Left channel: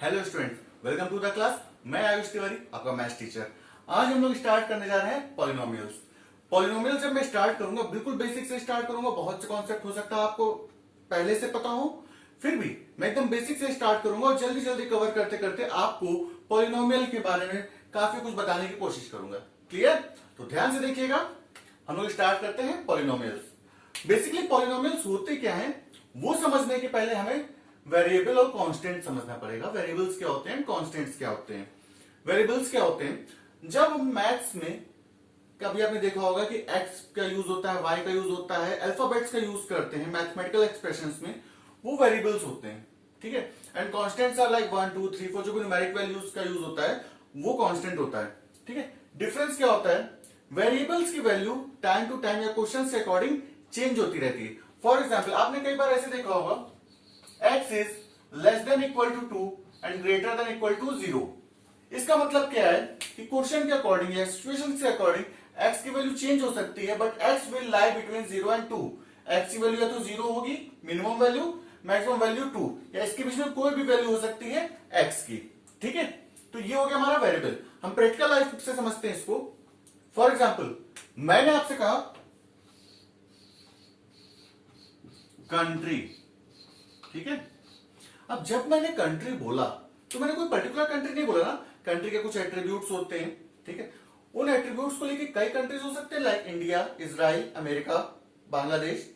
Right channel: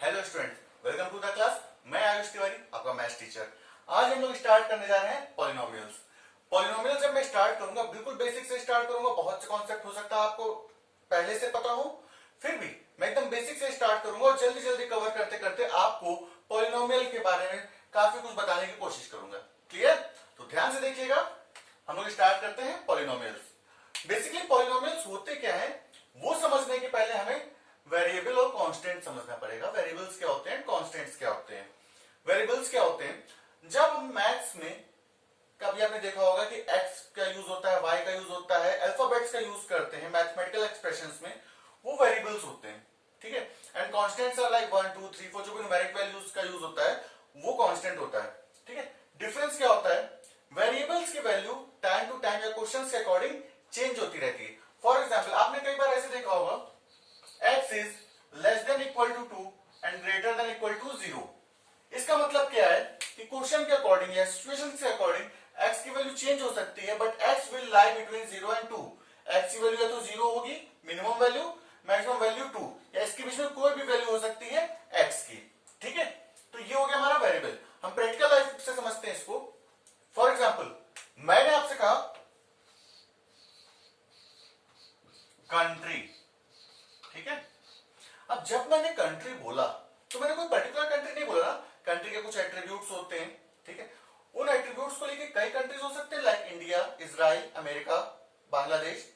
Hello students, welcome to the class. मैं आयुष तिवारी, आपका maths teacher. आज हम लोग स्टार्ट करने जा रहे हैं पॉलिनोमियल्स। पॉलिनोमियल जब मैं स्टार्ट करूंगा, बिल्कुल बेसिक से स्टार्ट करूंगा। बहुत से कॉन्सेप्ट हो सकता है आपको पहले से पता हो, फिर भी मैं एकदम बेसिक से स्टार्ट करूंगा और जल्दी जल्दी कवर करते करते आपको पॉलिनोमियल के बारे में काफी कुछ बताने की कोशिश करूंगा। क्लियर? तो ध्यान से देखिएगा। हम लोग स्टार्ट करते हैं पॉलिनोमियल्स। बेसिकली पॉलिनोमियल्स होते क्या है वो समझने के पहले हमें वेरिएबल और कांस्टेंट समझना पड़ेगा। वेरिएबल्स क्या होते हैं, कांस्टेंट्स क्या होते हैं। वेरिएबल्स क्या होते हैं, जब हम मैथ्स में कभी आपने देखा होगा कि x का यूज होता है, y का यूज होता है, अल्फाबेट्स का यूज करते हैं मैथमेटिकल एक्सप्रेशंस में, वो वेरिएबल्स होते हैं। ठीक है। एंड कांस्टेंट्स आर लाइक 1 2 3 4, जो भी न्यूमेरिक वैल्यूज का यूज होता है वो कांस्टेंट होता है। ठीक है। डिफरेंस क्या होता है, वेरिएबल्स की वैल्यू टाइम टू टाइम या क्वेश्चन के अकॉर्डिंग चेंज होती रहती है। फॉर एग्जाम्पल, आपने कई बार ऐसे देखा होगा x is less than equal to 2 and greater than equal to 0। इसका मतलब क्या है कि क्वेश्चन के अकॉर्डिंग या सिचुएशन के अकॉर्डिंग x की वैल्यू चेंज हो सकती है, but x will lie between 0 and 2। x की वैल्यू या तो 0 होगी, मिनिमम वैल्यू, मैक्सिमम वैल्यू 2, या इसके बीच में कोई भी वैल्यू हो सकती है x की। ठीक है। तो ये हो गया हमारा वेरिएबल। हम प्रैक्टिकल लाइफ से समझते हैं इसको। फॉर एग्जाम्पल, मैंने आपसे कहा कंट्री। ठीक है। अब जब मैंने कंट्री बोला तो मैंने कोई पर्टिकुलर कंट्री नहीं बोला ना। कंट्री के कुछ एट्रीब्यूट्स होते हैं। ठीक है। उन एट्रीब्यूट्स को लेके कई कंट्रीज हो सकते हैं, like India, Israel, America, Bangladesh,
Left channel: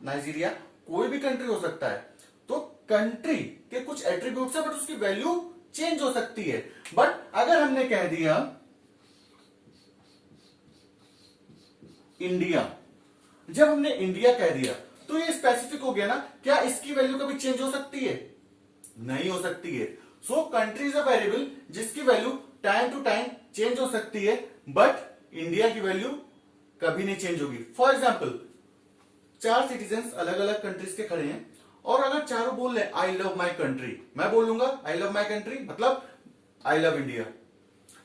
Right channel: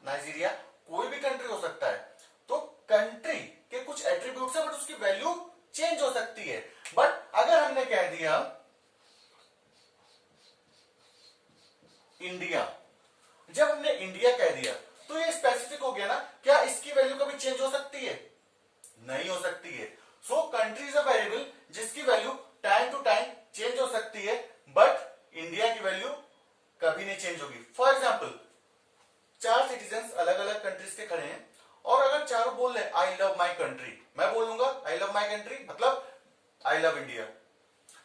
Nigeria, कोई भी कंट्री हो सकता है। तो कंट्री के कुछ एट्रीब्यूट्स है, बट उसकी वैल्यू चेंज हो सकती है। बट अगर हमने कह दिया इंडिया, जब हमने इंडिया कह दिया तो ये स्पेसिफिक हो गया ना। क्या इसकी वैल्यू कभी चेंज हो सकती है? नहीं हो सकती है। So country is a variable जिसकी value time to time change हो सकती है, बट इंडिया की वैल्यू कभी नहीं चेंज होगी। फॉर एग्जाम्पल, 4 सिटीजन अलग अलग कंट्रीज के खड़े हैं और अगर चारों बोल रहे आई लव माई कंट्री, मैं बोलूंगा आई लव माई कंट्री मतलब आई लव इंडिया।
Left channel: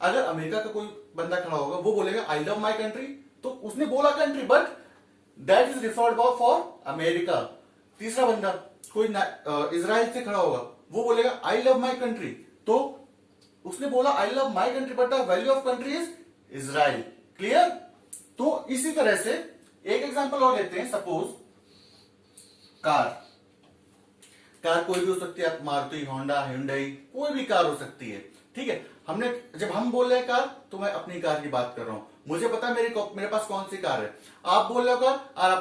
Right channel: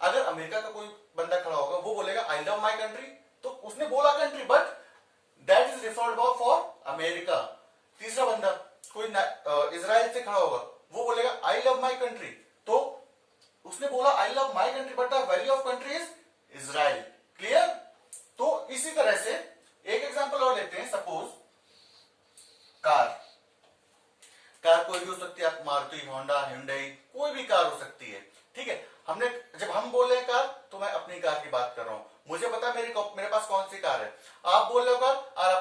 अगर अमेरिका का कोई बंदा खड़ा होगा वो बोलेगा आई लव माई कंट्री, तो उसने बोला country, but that is referred for America. तीसरा बंदा कोई इजराइल से खड़ा होगा, वो बोलेगा आई लव माई कंट्री, तो उसने बोला I love my country but the value of country is Israel. Clear? तो इसी तरह से एक एग्जांपल और लेते हैं। Suppose car. कार कोई भी हो सकती है, मारुति, होंडा, हुंडई, कोई भी कार हो सकती है। ठीक है। हमने जब हम बोल रहे हैं कार, तो मैं अपनी कार की बात कर रहा हूं। मुझे पता है मेरे पास कौन सी कार है। आप बोल रहे हो कार और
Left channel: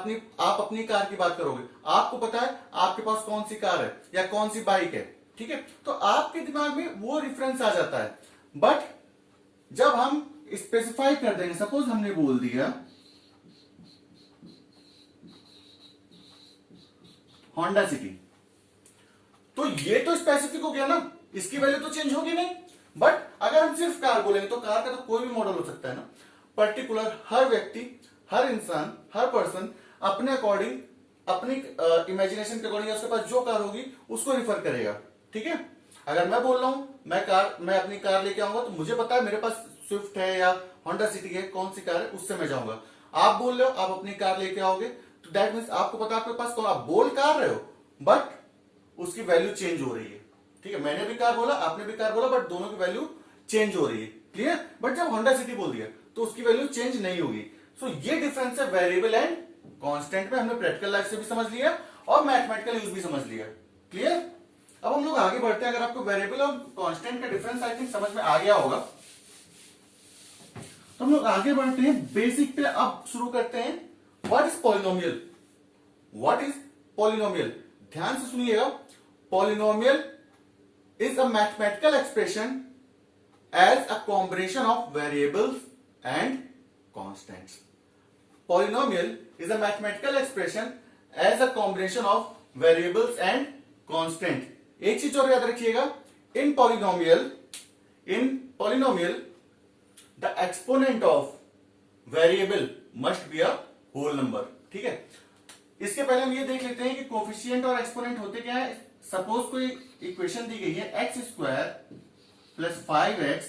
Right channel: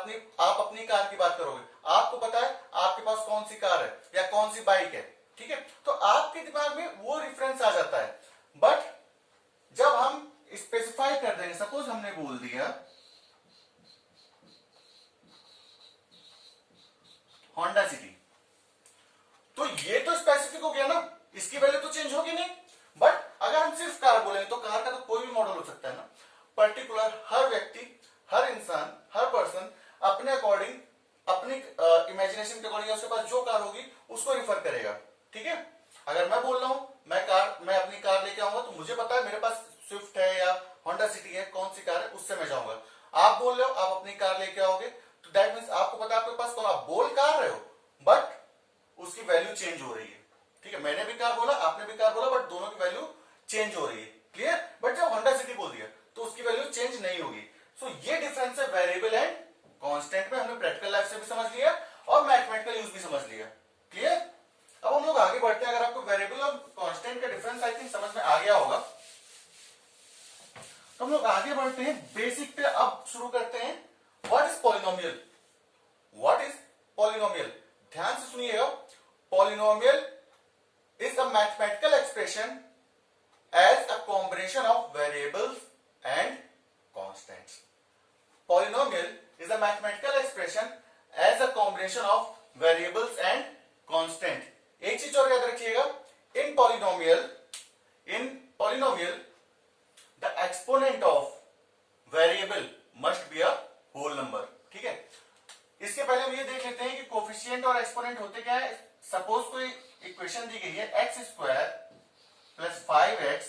आप अपनी कार की बात करोगे। आपको पता है आपके पास कौन सी कार है या कौन सी बाइक है। ठीक है। तो आपके दिमाग में वो रेफरेंस आ जाता है। बट जब हम स्पेसिफाई कर देंगे, सपोज हमने बोल दिया होंडा सिटी, तो ये तो स्पेसिफिक हो गया ना, इसकी वैल्यू तो चेंज होगी नहीं। बट अगर हम सिर्फ कार बोलेंगे तो कार का तो कोई भी मॉडल हो सकता है ना। पर्टिकुलर हर व्यक्ति, हर इंसान, हर पर्सन अपने अकॉर्डिंग, अपनी इमेजिनेशन के अकॉर्डिंग उसके पास जो कार होगी उसको रिफर करेगा। ठीक है। अगर मैं बोल रहा हूं मैं अपनी कार लेके आऊंगा, तो मुझे पता है मेरे पास स्विफ्ट है या होंडा सिटी है, कौन सी कार है उससे मैं जाऊंगा। आप बोल रहे हो आप अपनी कार लेके आओगे, तो दैट मीन्स आपको पता है आपके पास कौन, आप बोल कार रहे हो बट उसकी वैल्यू चेंज हो रही है। ठीक है। मैंने भी कार बोला, आपने भी कार बोला, बट दोनों की वैल्यू चेंज हो रही है। क्लियर? बट जब होंडा सिटी बोल दिया तो उसकी वैल्यू चेंज नहीं होगी। सो ये डिफरेंस है वेरिएबल एंड कांस्टेंट में। हमने प्रैक्टिकल लाइफ से भी समझ लिया और मैथमेटिकल यूज भी समझ लिया। क्लियर? अब हम लोग आगे बढ़ते हैं। अगर आपको वेरिएबल और कांस्टेंट का डिफरेंस आई थिंक समझ में आ गया होगा, तो हम लोग आगे बढ़ते हैं बेसिक पे। अब शुरू करते हैं what is polynomial. What is polynomial? ध्यान से सुनिएगा। Polynomial is a mathematical expression as a combination of variables and constants. Polynomial is a mathematical expression as a combination of variables and constant. एक चीज और याद रखिएगा, in polynomial the exponent of variable must be a whole number. ठीक है। इसके पहले हम ये देख लेते हैं कि कोफिशिएंट और एक्सपोनेंट होते क्या है। सपोज कोई इक्वेशन दी गई है X square plus 5x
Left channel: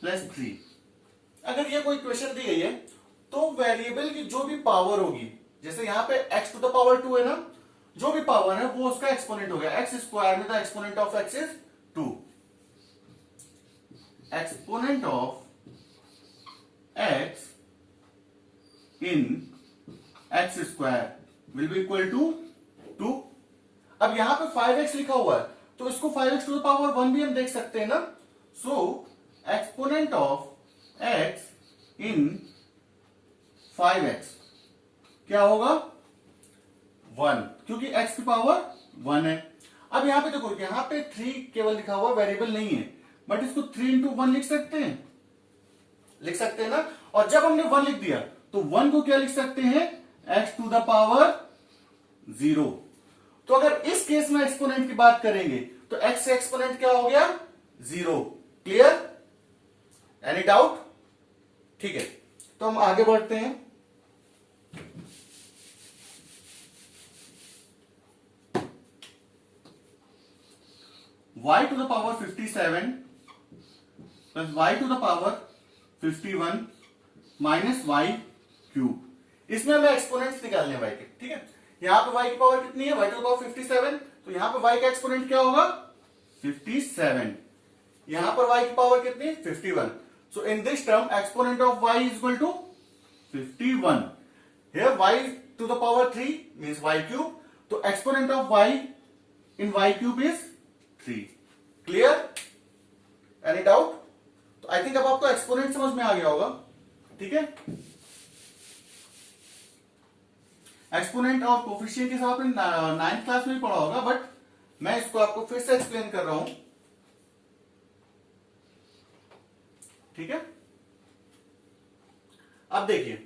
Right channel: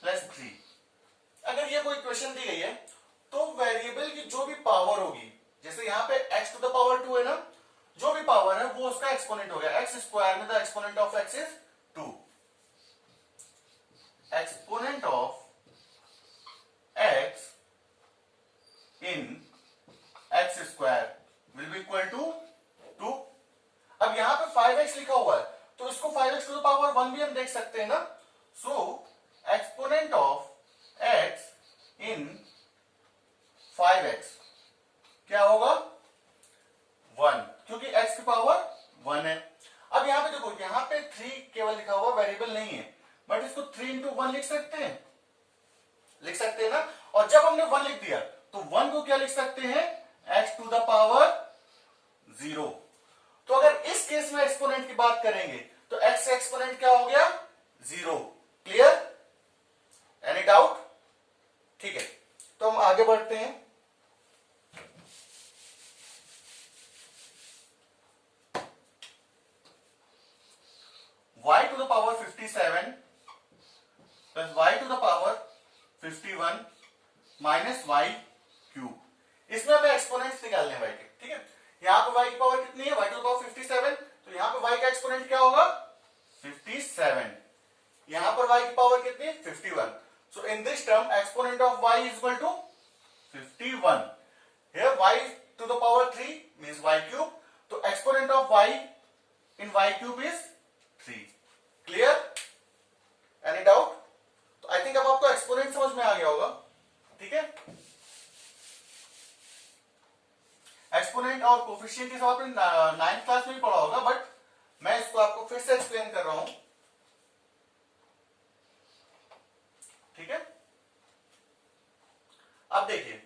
plus 3। अगर ये कोई इक्वेशन दी गई है तो वेरिएबल की जो भी पावर होगी, जैसे यहां पे x टू द पावर 2 है ना, जो भी पावर है वो उसका एक्सपोनेंट हो गया। एक्स स्क्वायर में the exponent of x is 2। Exponent of x in X square will be equal to 2। अब यहां पे 5x लिखा हुआ है तो इसको 5x टू द पावर 1 भी हम देख सकते हैं ना। So exponent of x in 5x क्या होगा 1, क्योंकि x की पावर 1 है। अब यहां पे देखो, यहां पे 3 केवल लिखा हुआ, वेरिएबल नहीं है, बट इसको 3 इंटू 1 लिख सकते हैं, लिख सकते हैं ना। और जब हमने 1 लिख दिया तो 1 को क्या लिख सकते हैं x टू द पावर 0। तो अगर इस केस में एक्सपोनेंट की बात करेंगे तो x से एक्सपोनेंट क्या हो गया 0। क्लियर? Any doubt? ठीक है, तो हम आगे बढ़ते हैं। y to the power 57 plus y to the power 51 minus y cube. इसमें हमें एक्सपोनेंट्स निकालने हैं y के, ठीक है। यहां पे y की पावर कितनी है, y टू द पावर 57, तो यहां पे y का एक्सपोनेंट क्या होगा 57। यहां पर y की पावर कितनी 51। So in this term exponent of y is equal to 51। Here y to the power 3 means y cube, तो exponent of y in y cube is 3। Clear? Any doubt? तो I think अब आपको exponent समझ में आ गया होगा, ठीक है। एक्सपोनेंट और कोफिशिएंट के सब आपने 9th क्लास में भी पढ़ा होगा, बट मैं इसको आपको फिर से एक्सप्लेन कर रहा हूं, ठीक है। अब देखिए,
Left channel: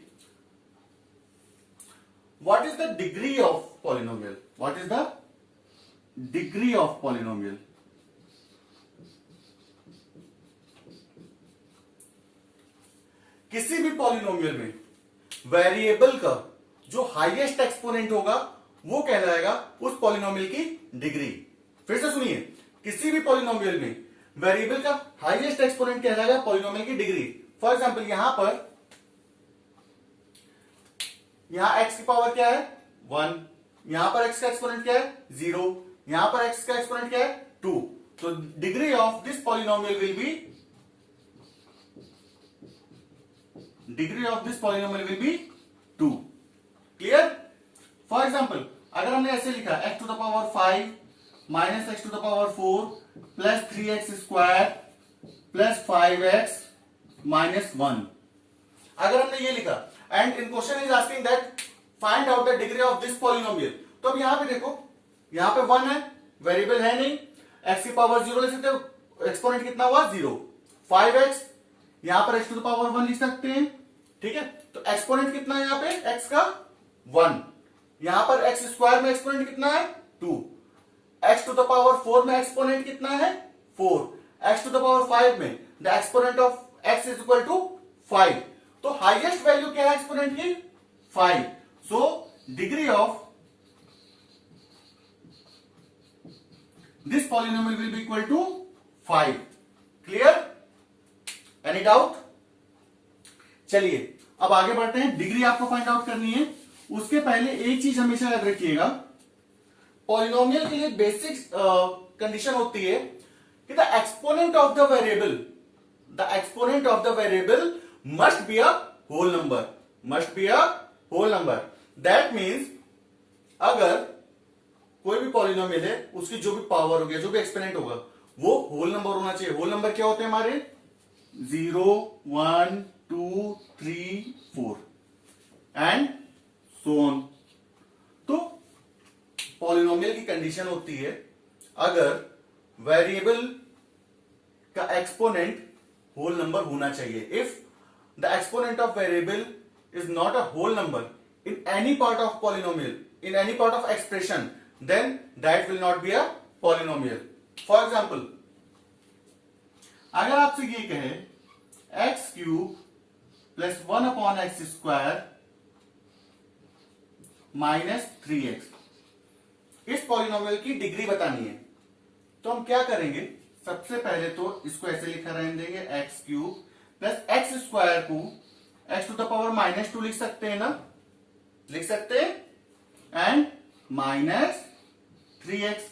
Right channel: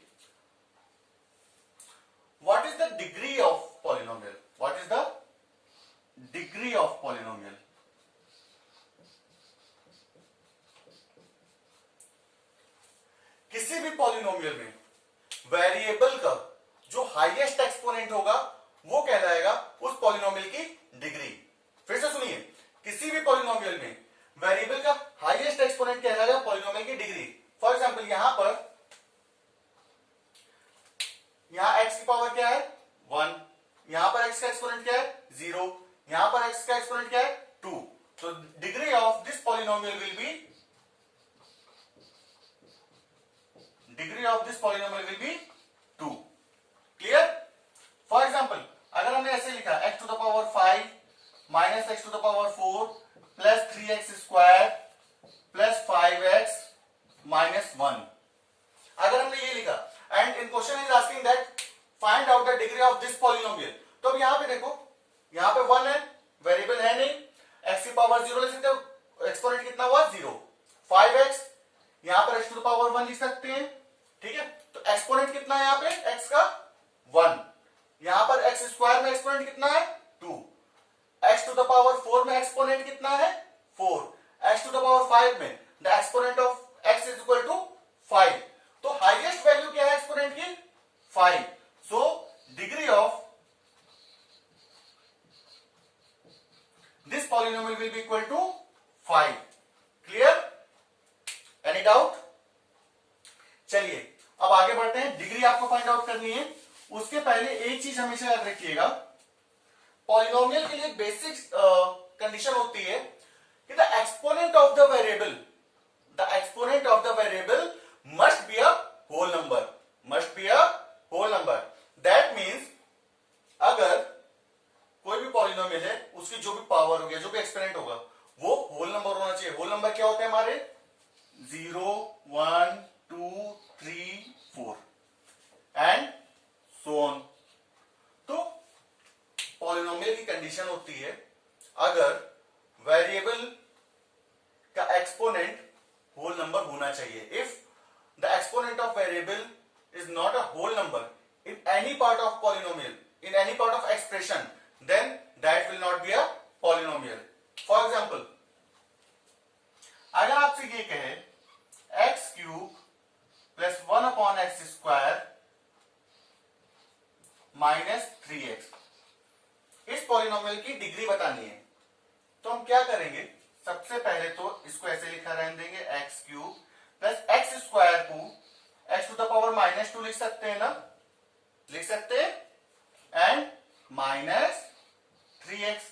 what is the degree of polynomial, what is the degree of polynomial. किसी भी पॉलिनोमियल में वेरिएबल का जो हाईएस्ट एक्सपोनेंट होगा वो कहलाएगा उस पॉलिनोमियल की डिग्री। फिर से सुनिए, किसी भी पॉलिनोमियल में वेरिएबल का हाईएस्ट एक्सपोनेंट कहलाएगा पॉलिनोमियल की डिग्री। फॉर एग्जांपल यहां x की पावर क्या है 1, यहां पर x का एक्सपोनेंट क्या है 0, यहां पर x का एक्सपोनेंट क्या है 2। तो degree of this polynomial will be, degree of this polynomial will be 2। Clear? For example अगर हमने ऐसे लिखा x to the power 5 minus X to the power 4 plus 3x square plus 5x minus 1, अगर हमने ये लिखा and in question is asking that find out the degree of this polynomial, तो अब यहां पे देखो, यहां पे 1 है, वेरिएबल है नहीं, x की पावर 0 ले सकते हो, एक्सपोनेंट कितना हुआ 0, 5x, यहां पर x टू द पावर 1 लिख सकते हैं, ठीक है। तो एक्सपोनेंट कितना है यहां पे x का 1, यहां पर x स्क्वायर में एक्सपोनेंट कितना है 2, x टू द पावर 4 में एक्सपोनेंट कितना है 4, x टू द पावर 5 में the exponent of x is equal to 5। तो हाईएस्ट वैल्यू क्या है एक्सपोनेंट की 5। So degree of this polynomial will be equal to 5। Clear? Any doubt? चलिए अब आगे बढ़ते हैं। डिग्री आपको फाइंड आउट करनी है, उसके पहले एक चीज हमेशा याद रखिएगा, पॉलिनोमियल के लिए बेसिक कंडीशन होती है कि the exponent of the variable, the exponent of the variable must be a whole number, must be a whole number. That means अगर कोई भी पॉलिनोमियल है उसकी जो भी पावर होगी, जो भी एक्सपोनेंट होगा वो होल नंबर होना चाहिए। होल नंबर क्या होते हैं हमारे 0 1 2 3 4 एंड सो ऑन। तो पॉलिनोमियल की कंडीशन होती है अगर वेरिएबल का एक्सपोनेंट होल नंबर होना चाहिए। If the exponent of variable is not a whole number in any part of polynomial, in any part of expression, then that will not be a polynomial. For example, अगर आपसे ये कहे x cube plus 1 upon x square minus 3x, इस polynomial की degree बतानी है, तो हम क्या करेंगे, सबसे पहले तो इसको ऐसे लिखा रहने देंगे x cube plus X square को x to the power minus 2 लिख सकते हैं ना, लिख सकते हैं, एंड माइनस 3x।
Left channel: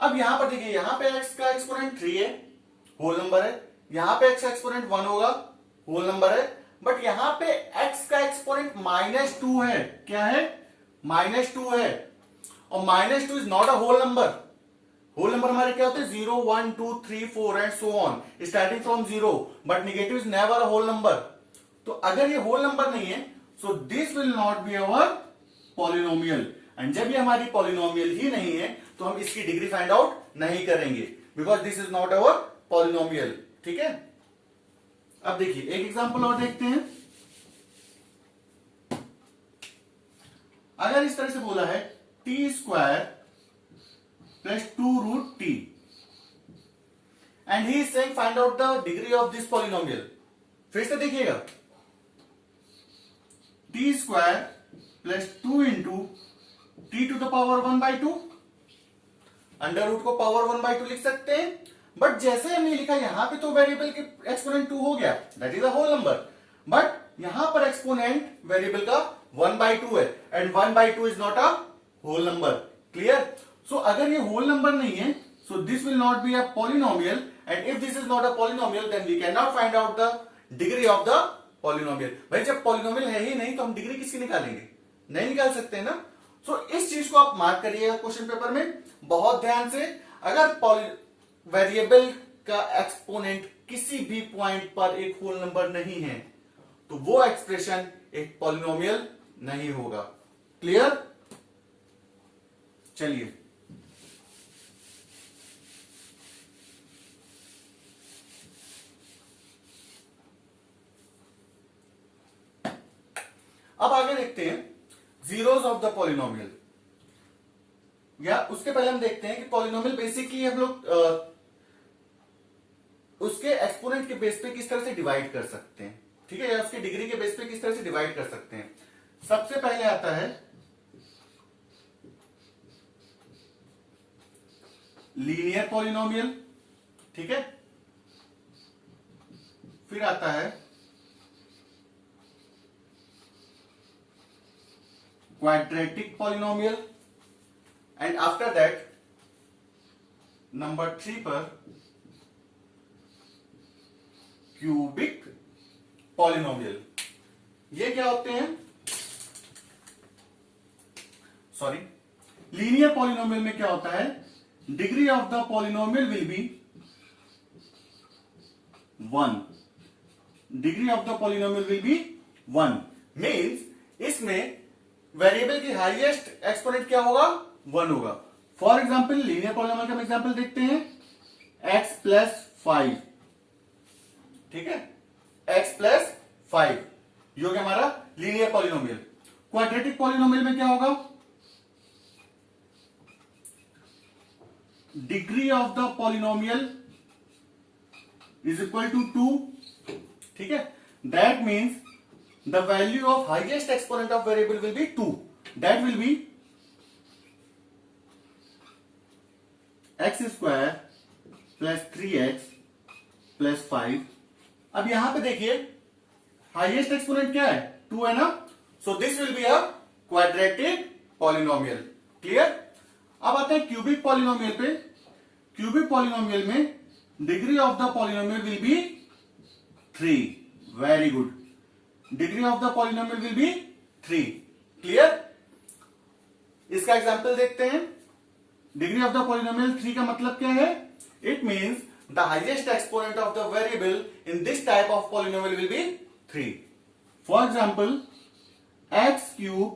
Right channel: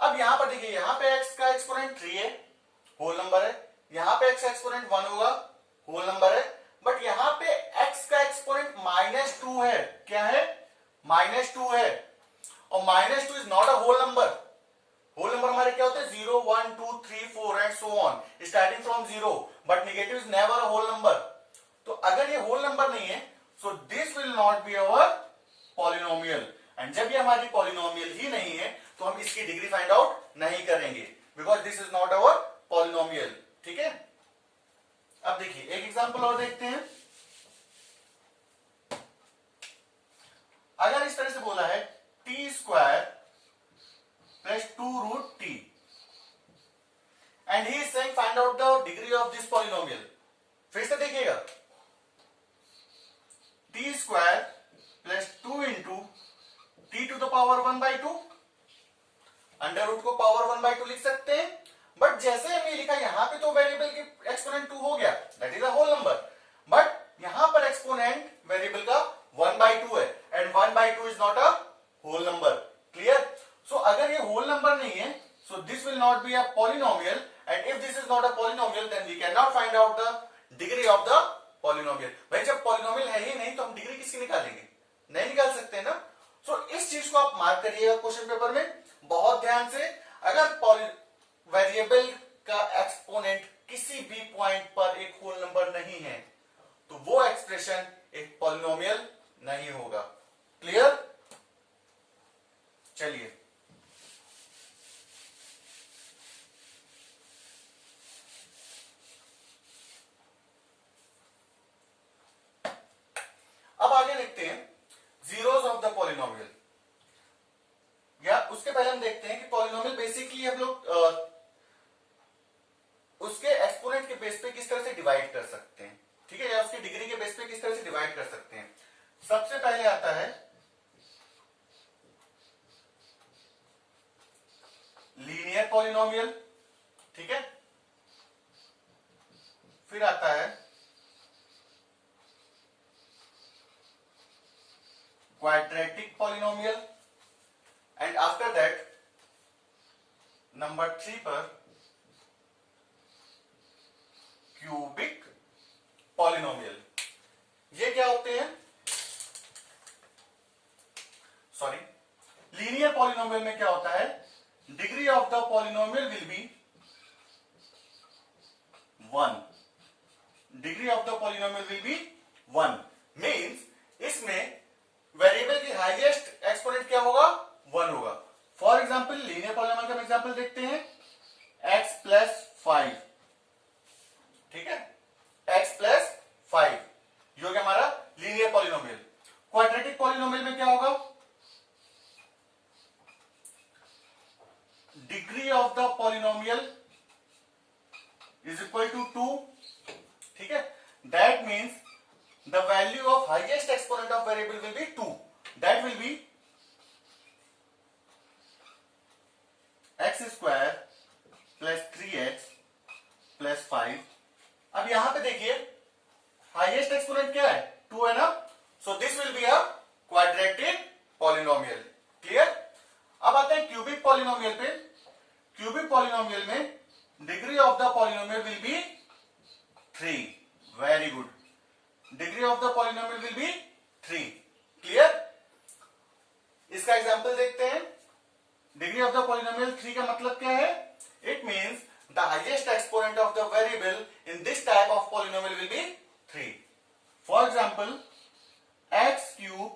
अब यहां पर देखिए, यहां पे x का एक्सपोनेंट 3 है, होल नंबर है, यहां पे x का एक्सपोनेंट 1 होगा, होल नंबर है, बट यहां पे x का एक्सपोनेंट -2 है। क्या है? -2 है, और -2 is not a whole number. Whole number हमारे क्या होते हैं? 0, 1, 2, 3, 4 and so on, starting from 0, but negative is never a whole number. तो अगर ये होल नंबर नहीं है, so this will not be our polynomial. And जब ये हमारी पॉलिनोमियल ही नहीं है, तो हम इसकी डिग्री फाइंड आउट नहीं करेंगे, because this is not our polynomial. ठीक है, अब देखिए एक एग्जांपल और देखते हैं। अगर इस तरह से बोला है T square plus 2√t and he is saying find out the degree of this polynomial. फिर से देखिएगा, T square plus 2 into T to the power 1/2, under root को पावर 1/2 लिख सकते हैं, बट जैसे हमने लिखा यहां पे तो वेरिएबल के एक्सपोनेंट 2 हो गया, that is a whole number, but यहां पर एक्सपोनेंट वेरिएबल का 1/2 है, and 1/2 is not a whole number. Clear? So अगर ये होल नंबर नहीं है, so this will not be a polynomial, and if this is not a polynomial then we can not find out the degree of the polynomial. भाई जब polynomial है ही नहीं तो हम डिग्री किसकी निकालेंगे? नहीं निकाल सकते ना। सो इस चीज को आप मार्क करिएगा क्वेश्चन पेपर में बहुत ध्यान से। अगर वेरिएबल का एक्सपोनेंट किसी भी पॉइंट पर एक होल नंबर नहीं है, तो वो एक्सप्रेशन एक पॉलिनोमियल नहीं होगा। क्लियर? चलिए अब आगे देखते हैं जीरोस ऑफ द पॉलिनोमियल, या उसके पहले हम देखते हैं कि पॉलिनोमियल बेसिकली हम लोग उसके एक्सपोनेंट के बेस पे किस तरह से डिवाइड कर सकते हैं। ठीक है, या उसकी डिग्री के बेस पे किस तरह से डिवाइड कर सकते हैं। सबसे पहले आता है लीनियर पॉलिनोमियल। ठीक है, फिर आता है quadratic polynomial, and after that number 3 पर क्यूबिक पॉलिनोमियल। ये क्या होते हैं? सॉरी, लीनियर पॉलिनोमियल में क्या होता है? Degree of the polynomial will B 1। Degree of the polynomial will B 1 means इसमें वेरिएबल की हाईएस्ट एक्सपोनेंट क्या होगा? 1 होगा। फॉर एग्जाम्पल लीनियर पॉलिनोमियल का हम एग्जाम्पल देखते हैं, x प्लस 5। ठीक है, x प्लस 5 ये हो गया हमारा लीनियर पॉलिनोमियल। क्वाड्रेटिक पॉलिनोमियल में क्या होगा? Degree of the polynomial is equal to 2। ठीक है, that means the value of highest exponent of variable will be 2. That will be x square plus 3x plus 5. अब यहां पे देखिए हाईएस्ट एक्सपोनेंट क्या है? 2 है ना, सो this will be a quadratic polynomial. Clear? अब आते हैं क्यूबिक पॉलिनोमियल पे। क्यूबिक पॉलिनोमियल में degree of the polynomial will B 3। Very good, degree of the polynomial will B 3। Clear? इसका एग्जांपल देखते हैं। डिग्री ऑफ द पॉलिनोमियल 3 का मतलब क्या है? It means the highest exponent of the variable in this type of polynomial will B 3। For example x cube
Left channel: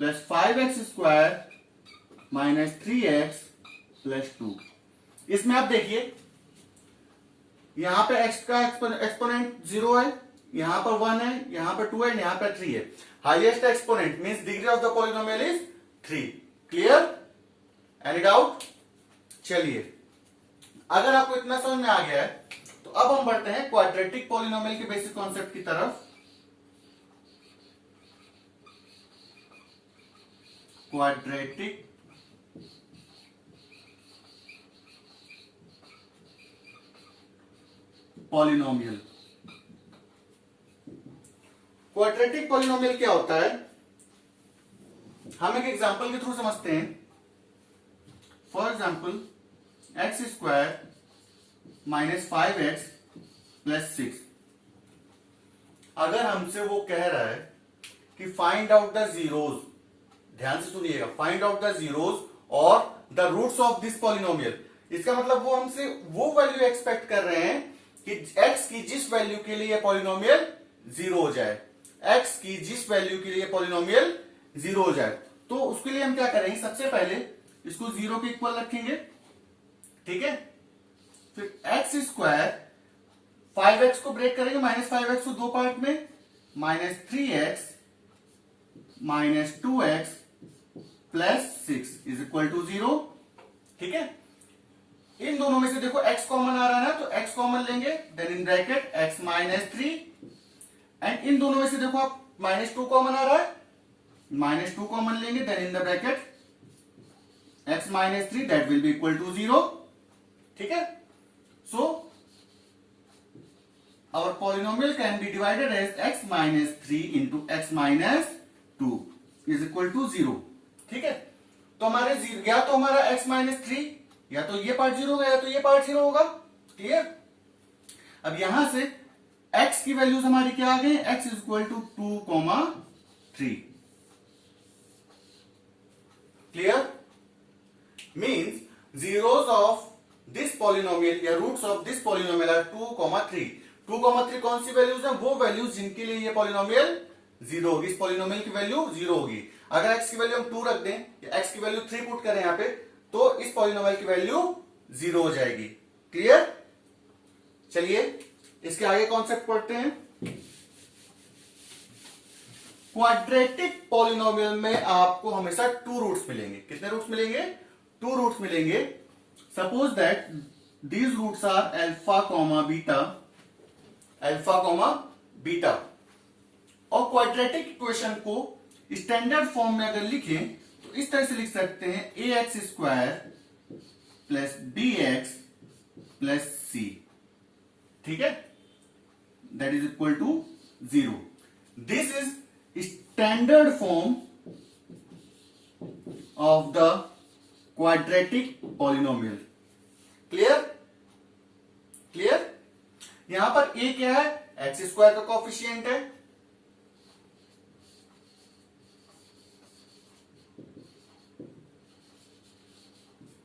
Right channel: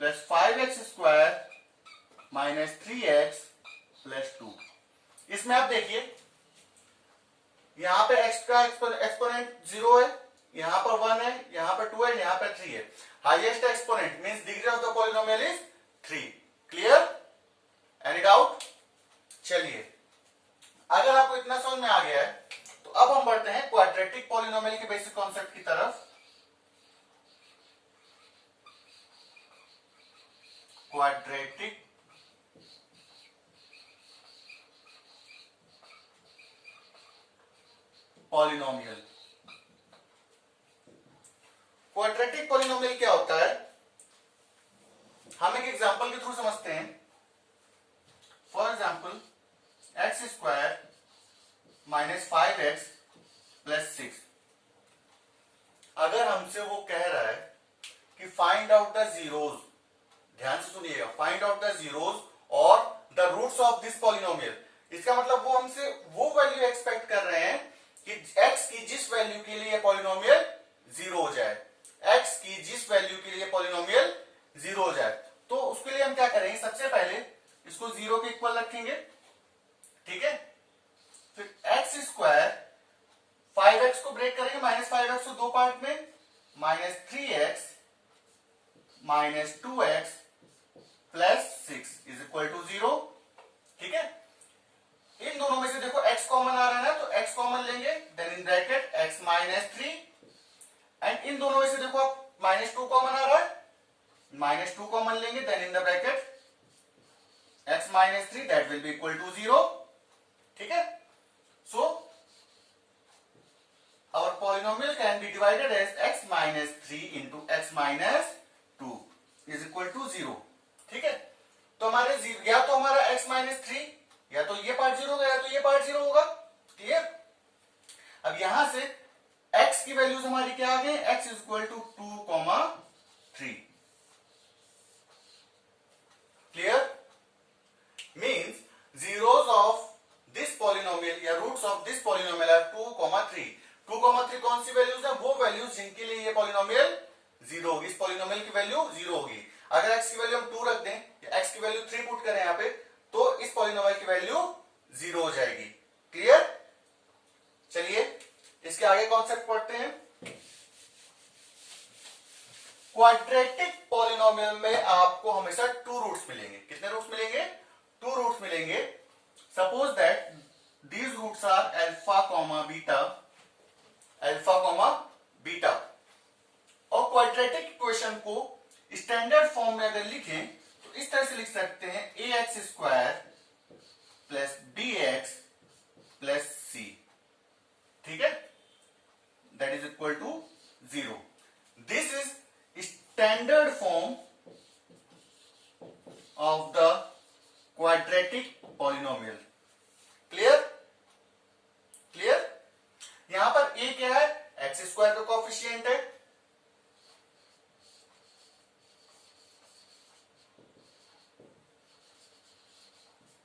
plus 5x square minus 3x plus 2। इसमें आप देखिए यहां पे x का एक्सपोनेंट 0 है, यहां पर 1 है, यहां पर 2 है, यहां पर 3 है। Highest exponent means degree of the polynomial is 3। Clear? Any doubt? चलिए, अगर आपको इतना समझ में आ गया है तो अब हम बढ़ते हैं क्वाड्रेटिक पॉलिनोमियल के बेसिक कॉन्सेप्ट की तरफ। Quadratic polynomial. क्वाड्रेटिक पॉलिनोमियल क्या होता है? हम एक एग्जांपल के थ्रू समझते हैं। For example x square minus 5x plus 6। अगर हमसे वो कह रहा है कि फाइंड आउट द जीरोज, ध्यान से सुनिएगा, फाइंड आउट द जीरोज और the roots of this polynomial, इसका मतलब वो हमसे वो वैल्यू एक्सपेक्ट कर रहे हैं कि x की जिस वैल्यू के लिए पॉलिनोमियल जीरो हो जाए, x की जिस वैल्यू के लिए पॉलिनोमियल जीरो हो जाए। तो उसके लिए हम क्या करेंगे, सबसे पहले इसको जीरो के इक्वल रखेंगे, ठीक है। फिर एक्स स्क्वायर 5x को ब्रेक करेंगे, माइनस 5x को दो पार्ट में, minus 3x minus 2x plus 6 is equal to 0, ठीक है। इन दोनों में से देखो x कॉमन आ रहा है ना, तो x कॉमन लेंगे, then in bracket x minus 3, and इन दोनों में से देखो आप माइनस 2 कॉमन आ रहा है, माइनस 2 कॉमन लेंगे, then in the bracket x minus 3 that will be equal to 0, ठीक है। सो our polynomial can be divided as x minus 3 into x minus 2 is equal to 0, ठीक है। तो हमारे या तो हमारा x minus 3 या तो ये पार्ट 0 होगा या तो ये पार्ट 0 होगा, क्लियर। अब यहां से x की वैल्यूज हमारी क्या आ गई, x is equal to 2,3, clear. Means zeros of this polynomial या roots of this polynomial are 2,3। 2,3 कौन सी वैल्यूज है, वो वैल्यूज जिनके लिए ये पॉलिनोमियल जीरो होगी, इस पॉलिनोमियल की वैल्यू जीरो होगी। अगर x की वैल्यू हम 2 रख दें या x की वैल्यू 3 पुट करें यहां पे, तो इस पॉलिनोमियल की वैल्यू जीरो हो जाएगी, क्लियर। चलिए इसके आगे कॉन्सेप्ट पढ़ते हैं। क्वाड्रेटिक पॉलिनोमियल में आपको हमेशा 2 रूट्स मिलेंगे। कितने रूट्स मिलेंगे, 2 रूट्स मिलेंगे। Suppose that these roots are alpha comma beta, alpha comma beta. और क्वाड्रेटिक इक्वेशन को स्टैंडर्ड फॉर्म में अगर लिखें तो इस तरह से लिख सकते हैं, A X square plus B X plus C, ठीक है, that is equal to 0। This is standard form of the quadratic polynomial, clear, clear. यहां पर a क्या है, एक्स स्क्वायर का कोफिशिएंट है,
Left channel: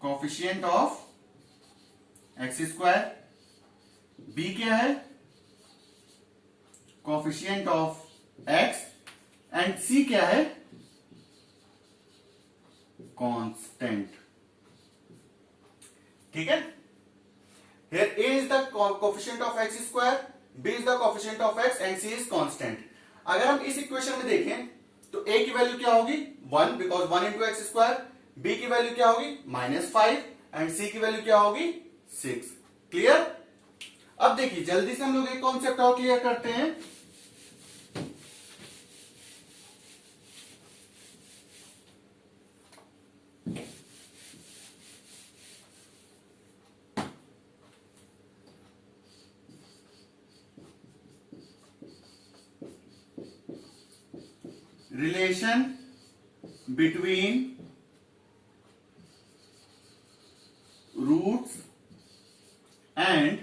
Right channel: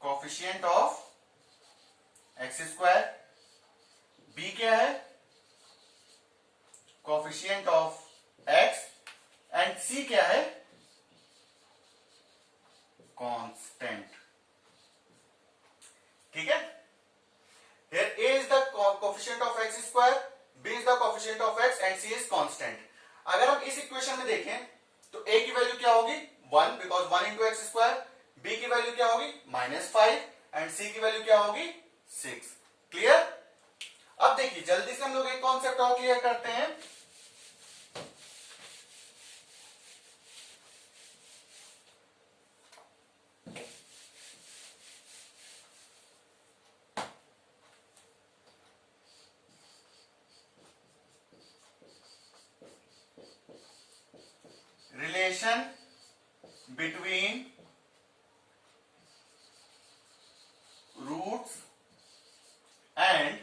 coefficient of X square. b क्या है, coefficient of x, and c क्या है, कांस्टेंट, ठीक है। Here a is the coefficient of x square, b is the coefficient of x and c is constant. अगर हम इस इक्वेशन में देखें तो a की वैल्यू क्या होगी 1 because 1 into x square, b की वैल्यू क्या होगी -5 एंड c की वैल्यू क्या होगी 6, क्लियर। अब देखिए जल्दी से हम लोग एक कॉन्सेप्ट और क्लियर करते हैं। Relation between roots and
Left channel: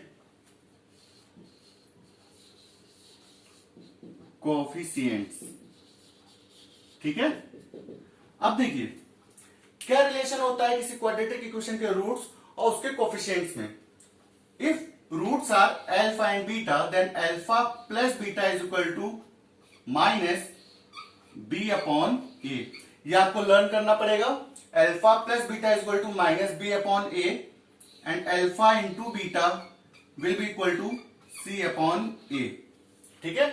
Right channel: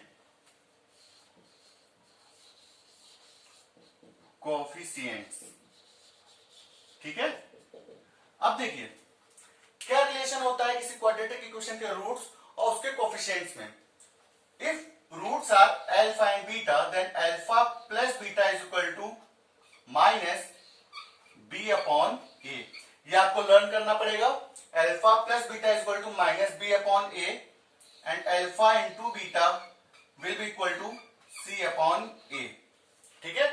coefficients, ठीक है। अब देखिए क्या रिलेशन होता है किसी क्वाड्रेटिक इक्वेशन के रूट्स और उसके कोएफिशिएंट्स में। If roots are alpha and beta then alpha plus beta is equal to minus b upon A. ये आपको लर्न करना पड़ेगा। Alpha plus beta is equal to minus b upon A and alpha into beta will be equal to c upon A, ठीक है।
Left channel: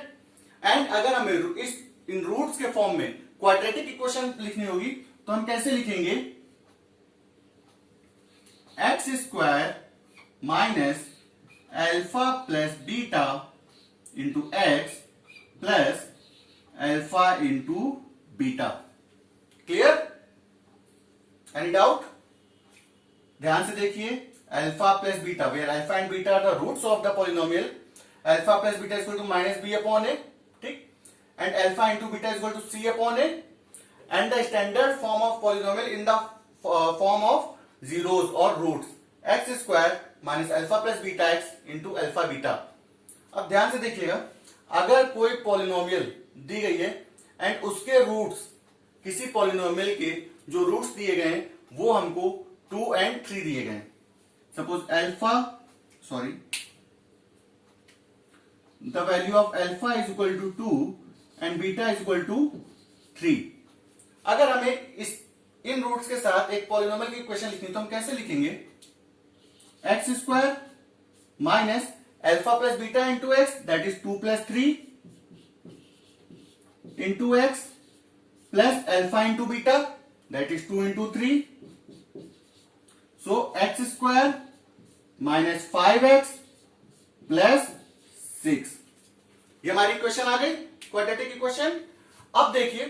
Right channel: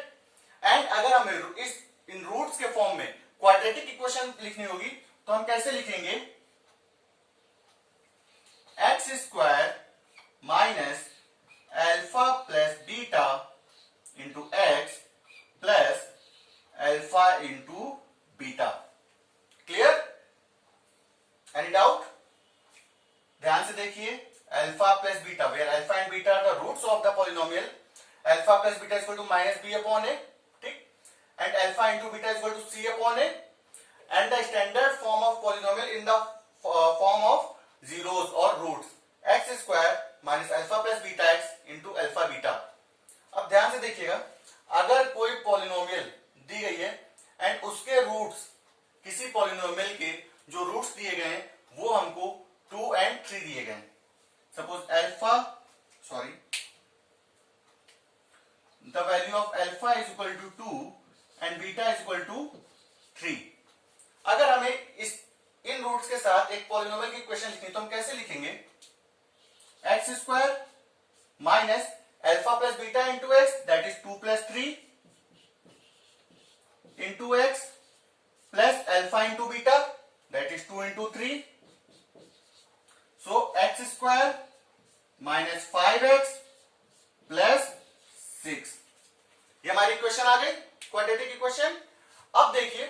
And अगर हमें इस इन रूट्स के फॉर्म में क्वाड्रेटिक इक्वेशन लिखनी होगी तो हम कैसे लिखेंगे, X square minus alpha plus beta into X plus alpha into beta, clear. Any doubt, ध्यान से देखिए, alpha plus beta where alpha and beta are the roots of the polynomial, alpha plus beta is equal to minus B upon A, ठीक, and alpha into beta is equal to C upon A, and the standard form of polynomial in the form of zeros और roots, X square minus alpha plus beta X into alpha beta. अब ध्यान से देखिएगा, अगर कोई polynomial दी गई है and उसके रूट्स, किसी पॉलिनोमियल के जो रूट्स दिए गए हैं वो हमको 2 and 3 दिए गए हैं। Suppose the value of alpha is equal to 2 and beta is equal to 3। अगर हमें इन रूट्स के साथ एक पॉलिनोमियल की इक्वेशन लिखनी तो हम कैसे लिखेंगे? X square minus alpha plus beta into x that is 2 plus 3 into X plus alpha into beta that is 2 into 3। So x square minus 5x plus 6। ये हमारी इक्वेशन आ गई, क्वाड्रेटिक इक्वेशन। अब देखिए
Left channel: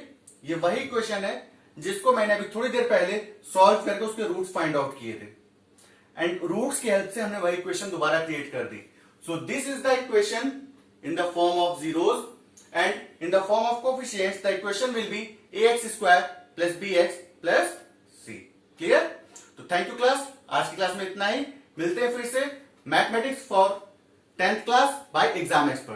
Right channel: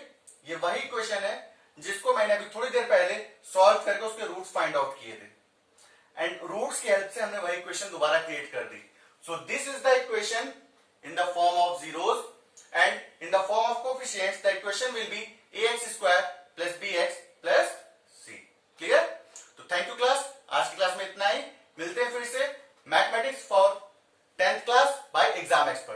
ये वही इक्वेशन है जिसको मैंने अभी थोड़ी देर पहले सॉल्व करके उसके रूट्स फाइंड आउट किए थे एंड रूट्स की हेल्प से हमने वही इक्वेशन दोबारा क्रिएट कर दी। So this is the equation in the form of zeros and in the form of coefficients the equation will be ax square plus bx plus c। Clear? तो thank you class, आज की class में इतना ही। मिलते हैं फिर से mathematics for 10th class by exam expert.